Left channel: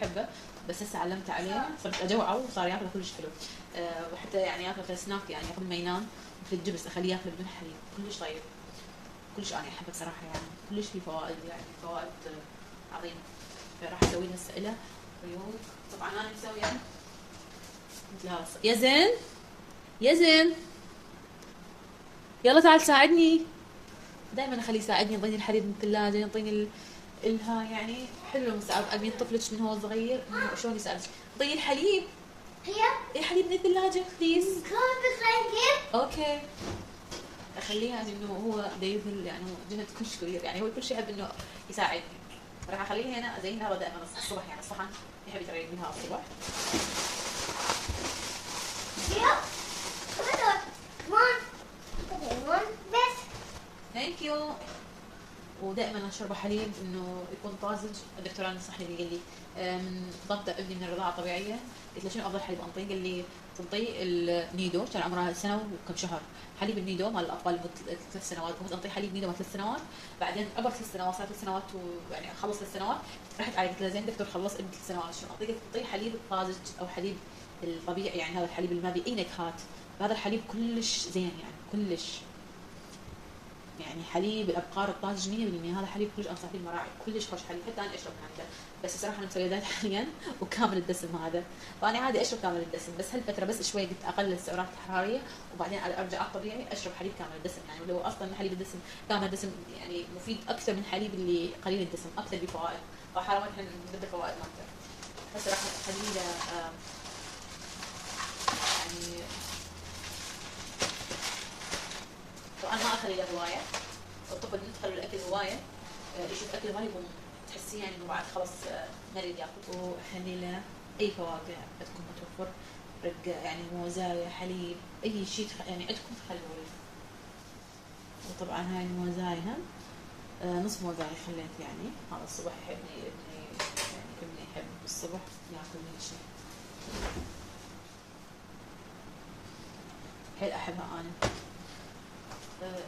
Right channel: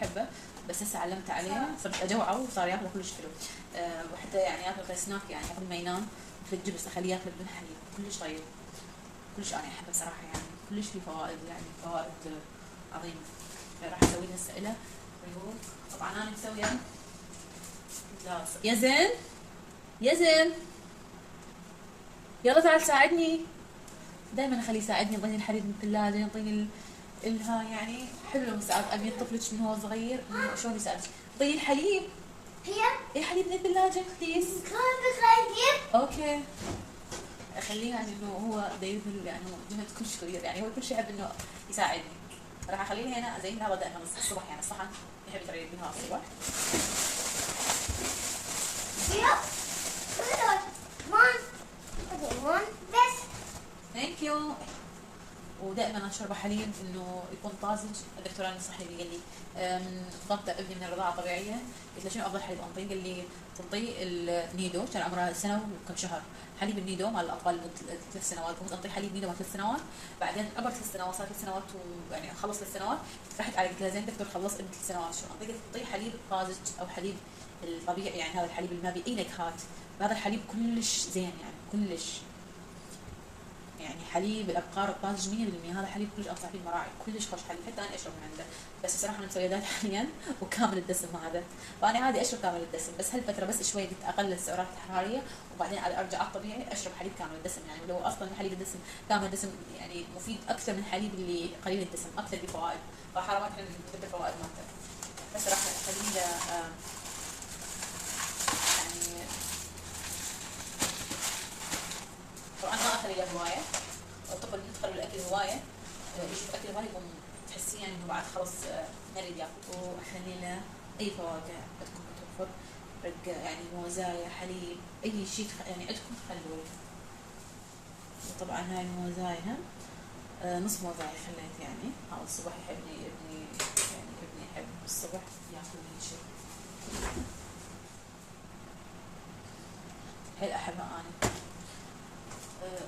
يحبه، بس هسه علمت عليه صرت اجوعه وصار ياكله كلش حلو. وحتى يعني ياكل سناك يعني قبل ما ينام في الجبس اخليه ياكله بدون حليب، كلش طيب، كلش انا احبه صراحه، يعني كلش فيه فوائد، يعني فوائد عظيمه. فراح اسوي له هسه له ريوق. طبعا انا مسويه مثل يا زين يا زين يلا تعال ساعدني. دائما اخليه يساعدني، يعطيني الحليب من الثلاجه، يعطيني الها يعني حلو. مساعد ابي طفلك من هو صغير شلون يسالك اعطيني الحليب. اي حليب من الثلاجه بليز. اوكي. اخليه يعني انه هو دايما يعني جمله كلش كبير، يعني هو كل شيء يحب انه يساعدني. راح اخليه هنا ازين لها دائما الصبح، يعني الصحن يحب يتريق بها الصبح. ثانك يو. ودائما اشرب حليب انه يكون طازج. الدكتور النصحني لي قال لي ضبط ابني من الرضاعه الطبيعيه، قلت له شنو افضل حليب انطيه؟ قال لي تنطيه النيدو، كان عمرها سنه وكم شهر، حليب النيدو مال الاطفال لمده 3 سنوات، كنت انطيه حليب نيدو مال 3 سنوات. بعدين عبر 3 سنوات صار 3 سنوات ويعني خلص 3 سنوات، رحت على قلت له زين دكتور خلص ابني 3 سنوات شنو اعطيه؟ تعطيه حليب طازج او حليب الطبيعي، يعني هذا الحليب اللي ما بيه اي نكهات، هذا الحليب كلش زين يعني كلش، يعني حليب الابقار الطازج 100%، هذا حليب كلش انصح فيه المراعي، كلش خوش حليب، حتى انا اشرب من عنده. بس الصراحه انا مسويه دايت حاليا وكامل الدسم هذا، فانا عادي اشرب كامل الدسم، بس هالفتره بس شوي قلت اقلل السعرات الحراريه وبعدين ارجع الطبيعي اشرب حليب كامل الدسم. يعني لو اصلا حليب الدسم كامل الدسم يعني مفيد اكثر من حليب اللي قليل الدسم، اكثر بفوائد، فحرام احنا نذكر الفوائد مالته. بس راح اخليه له يعني طبعا ما اخلي له هوايه، الطفل يدخل بالاكل هوايه يشوف اكل غالي يقوم تحسيه يعني انه بعد خلص ما يريد ياكل. واخلي له اي فواكه عندكم متوفر، رق يعني موزايا حليب اي شيء يعني عندكم خلوه لي. وطبعا هاي الموزايا نص موزايا خليت، يعني هذا الصبح يحبني ابني، يعني ابني يحب الصبح ياكل لي شيء حيل احبها انا.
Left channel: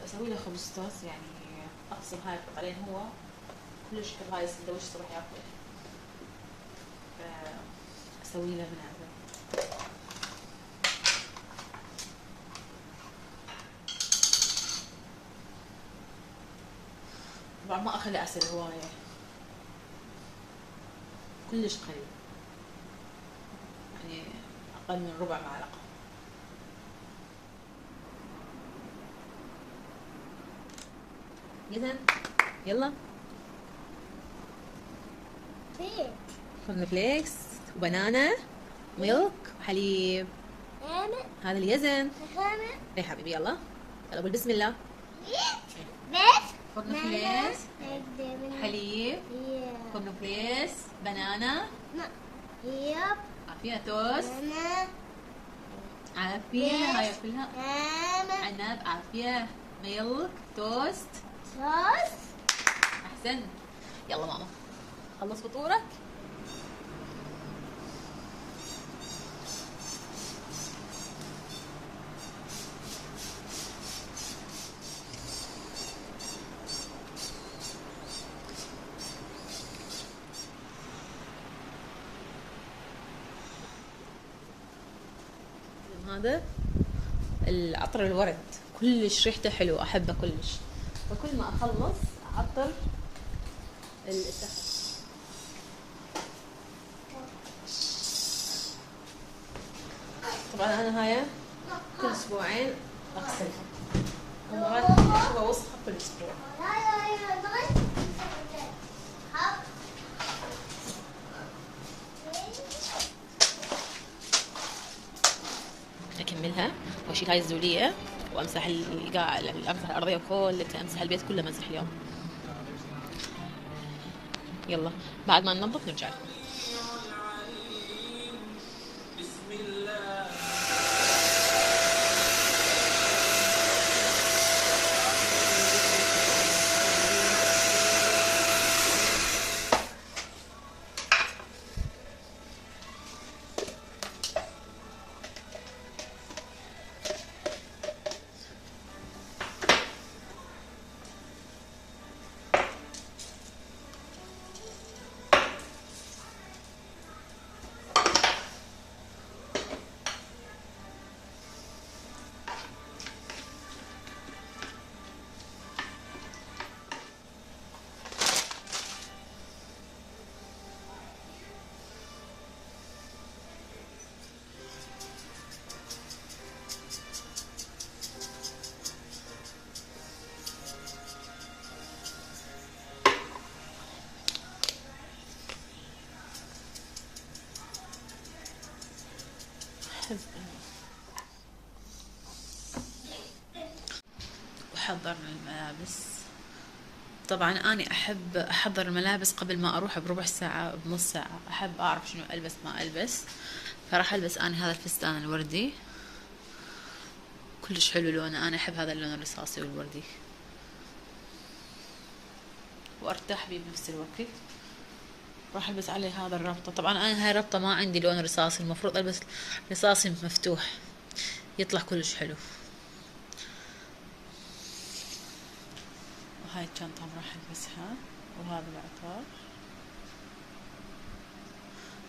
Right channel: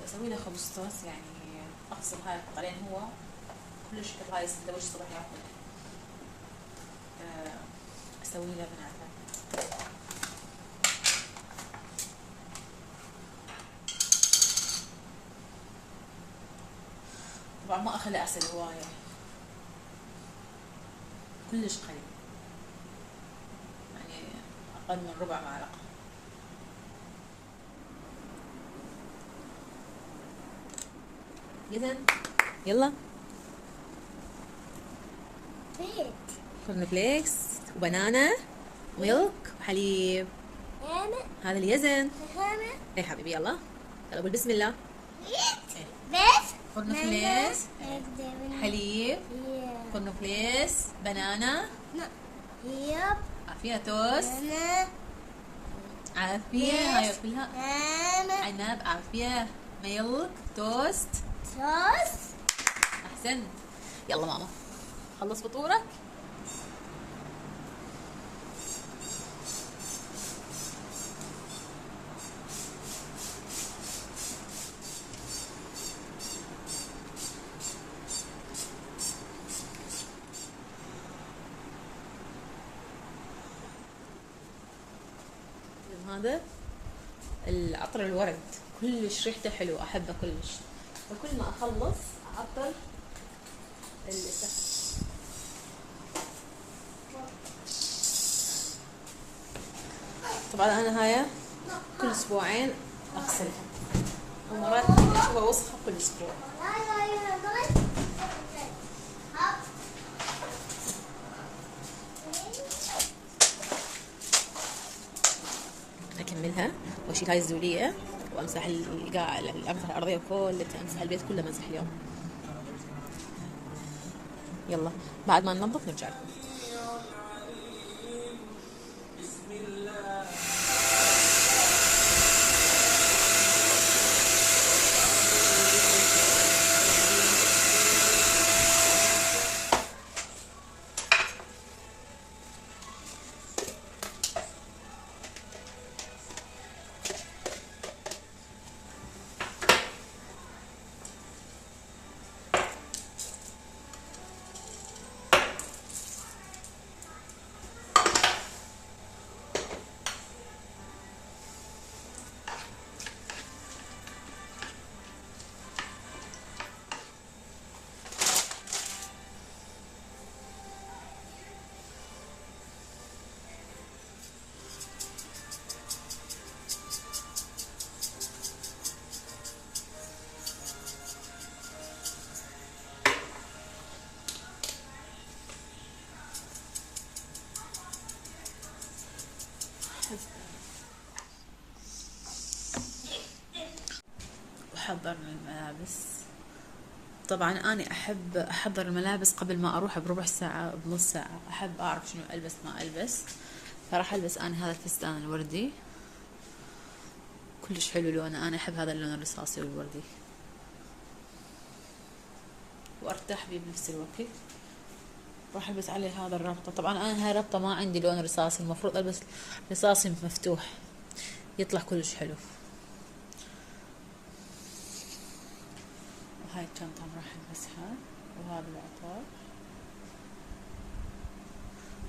اسوي له خبز توست، يعني اقسم هاي القطعين هو كلش كل هاي السندويش الصبح ياكل، اسوي له من هذا. طبعا ما اخلي عسل هوايه، كلش قليل، يعني اقل من ربع معلقه. اذا يلا كورن فليكس وبنانا ميلك وحليب. هذا اليزن. اي حبيبي يلا يلا قول بسم الله. كورن فليكس حليب كورن فليكس بنانا عافية توست عافية هاي كلها عنب عافية ميلك توست احسن. يلا ماما خلص فطورك. هذا العطر الورد كلش ريحته حلو، احبه كلش، فكل ما اخلص اعطر طبعا انا هاي كل اسبوعين اغسلها، ومرات اسوي وسخه كل اسبوع. اكملها واشيل هاي الزوليه وامسح القاع، امسح الارضيه كلها، امسح البيت كله مسح اليوم. يلا بعد ما ننظف نرجع لكم. وحضرنا الملابس. طبعا أنا أحب أحضر الملابس قبل ما أروح بربع ساعة بنص ساعة، أحب أعرف شنو ألبس ما ألبس. فراح ألبس أنا هذا الفستان الوردي، كلش حلو لونه، أنا أحب هذا اللون الرصاصي والوردي وأرتاح بيه بنفس الوقت. راح ألبس عليه هذا الربطة. طبعا أنا هاي الربطة ما عندي لون رصاصي، المفروض ألبس رصاصي مفتوح يطلع كلش حلو. وهاي الشنطة راح ألبسها، وهذا العطار،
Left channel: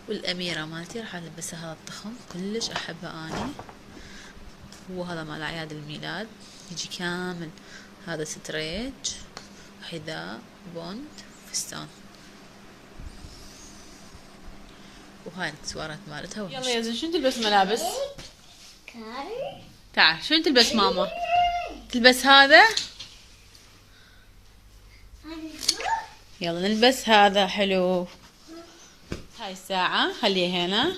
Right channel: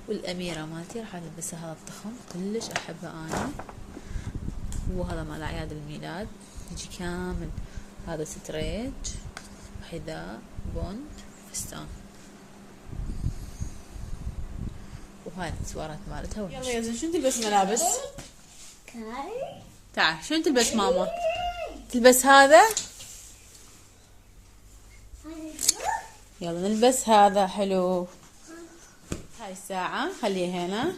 والأميرة مالتي راح ألبسها، هذا الضخم كلش أحبه أني. وهذا مال أعياد الميلاد يجي كامل، هذا ستريج، حذاء، بوند، فستان، وهاي الاكسسوارات مالتها. يلا يا زين شنو تلبس ملابس؟ تعال شنو تلبس ماما؟ تلبس هذا؟ يلا نلبس هذا حلو. هاي الساعة خليها هنا،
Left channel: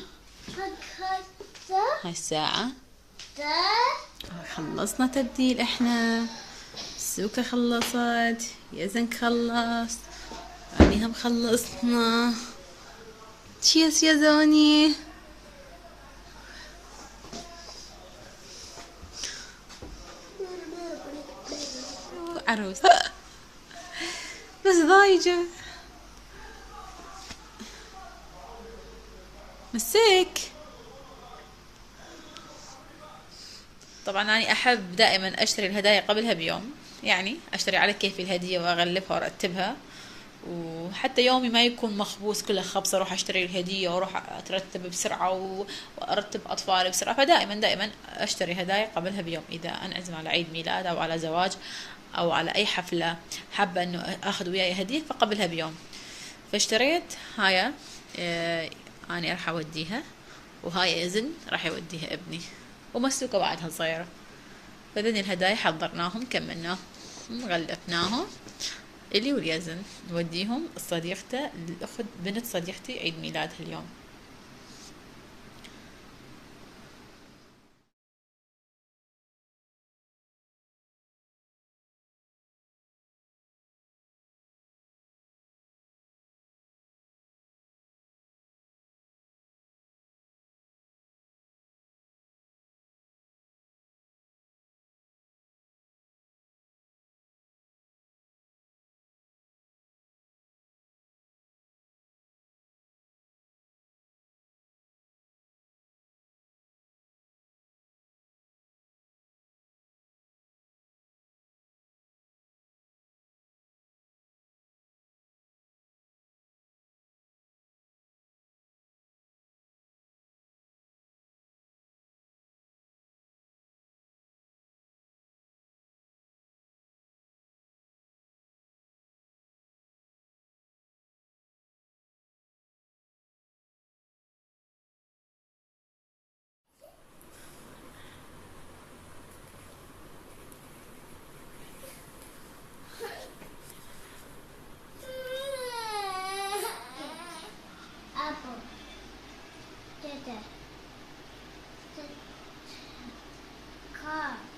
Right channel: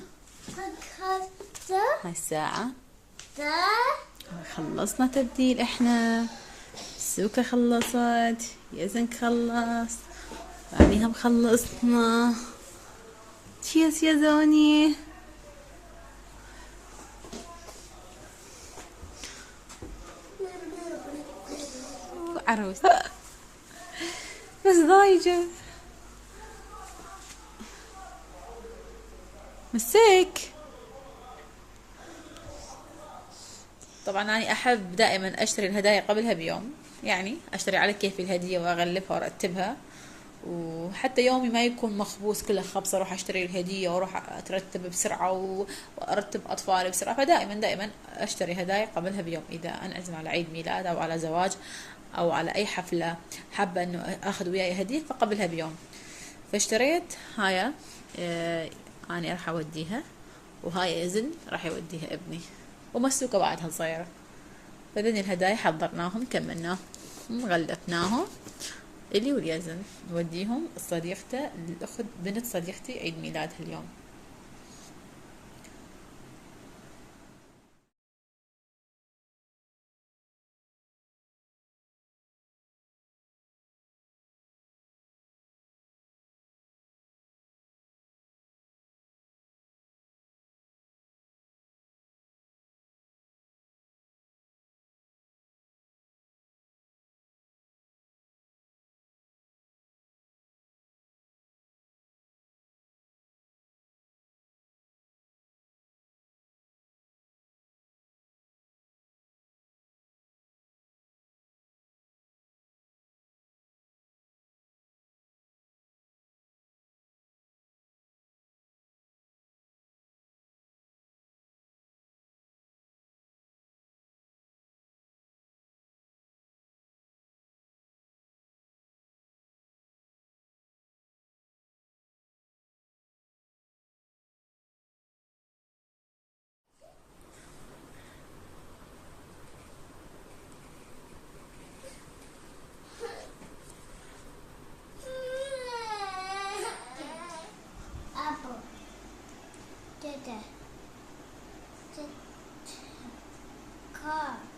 هاي الساعة. خلصنا تبديل احنا، سوكا خلصت، يزن خلص، يعني هم خلصنا. تشيس يا زوني. عروس بس ضايجة مسك. طبعا أنا أحب دائما أشتري الهدايا قبلها بيوم، يعني أشتري على كيفي الهدية وأغلفها وأرتبها، وحتى يومي ما يكون مخبوص كله خبص أروح أشتري الهدية وأروح أترتب بسرعة وأرتب أطفالي بسرعة. فدائما أشتري هدايا قبلها بيوم، إذا أنعزم على عيد ميلاد أو على زواج أو على أي حفلة حابة أنه أخذ وياي هدية فقبلها بيوم. فاشتريت هاي، أنا راح أوديها، وهاي إذن راح يوديها ابني، ومسوكة بعدها صغيرة. فذني الهدايا حضرناهم كملناهم غلفناهم، إلي واليزن نوديهم صديقته، الأخت بنت صديقتي عيد ميلادها اليوم. Car.